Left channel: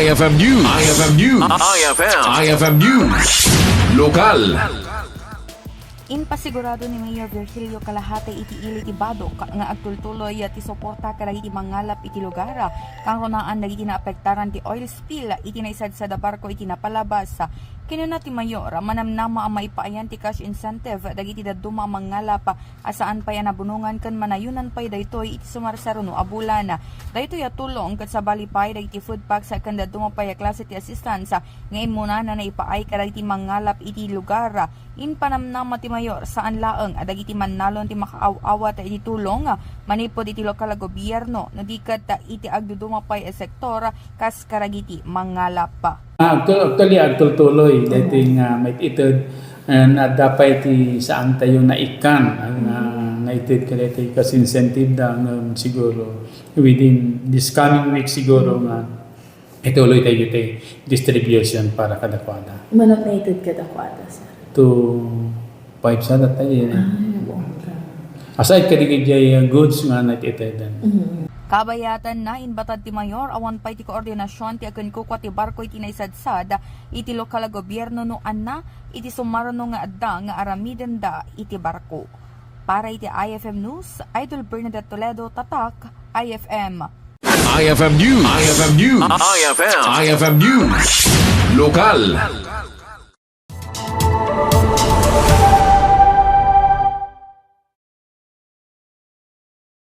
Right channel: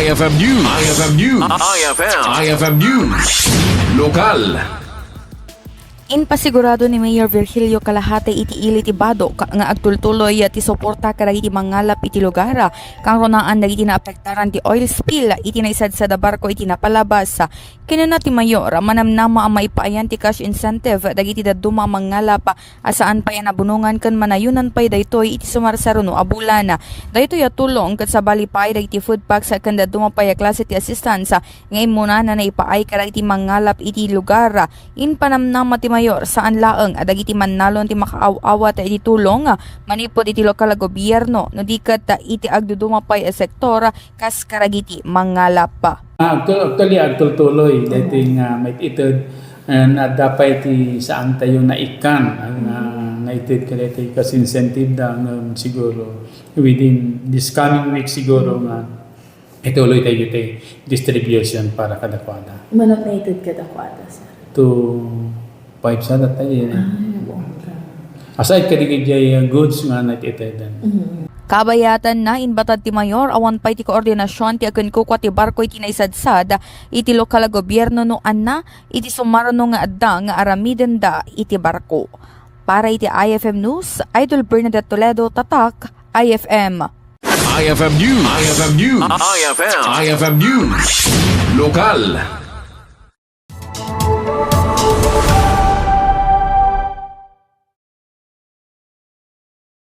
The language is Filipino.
IFM News. IFM News. IFM News. Lokal. Inpasigurado ni Mayor Virgilio Kalahate iti ili ti Badoc nga agtultuloy ti suporta kadagiti Manggalap iti lugar kang ronaan dagiti naapektaran ti oil spill iti naisad sa barko iti napalabas. Kinuna ti Mayor manamnama ang Maipapaay ti cash incentive dagiti daduma Manggalap asaan pay nabunungan ken manayunan pay daytoy iti sumarsaro no abulan. Daytoy Tulong ket sabali pay dagiti food packs ken daduma pay klase ti assistance nga imuna na naipaay kadagiti Manggalap iti lugar. Inpanamnama ti Mayor saan laeng adagiti mannalon ti makaaw-awa ta iti tulong manipod iti lokal gobyerno no diket iti agduduma pay a sektor kas Kadagiti Manggalap. Actually, agtultuloy dating maited and dapat ti saan tayo naikan ang naited kadati kas incentive siguro within this coming week siguro nga ituloy tayo tayo distribution para kadakwada. Manap naited kadakwada sir? To 5 sa tayo. Aside kadigiti goods nga naititedan. Kabayatan na inbatad ti Mayor awan pay ti koordinasyon ti aken kukwa ti barko iti naisadsad iti lokal gobyerno no anna iti sumarno nga adda nga aramiden da iti barko. Para iti IFM News, Idol Bernadette Toledo, Tatak, IFM. IFM News. IFM News. IFM News. Lokal.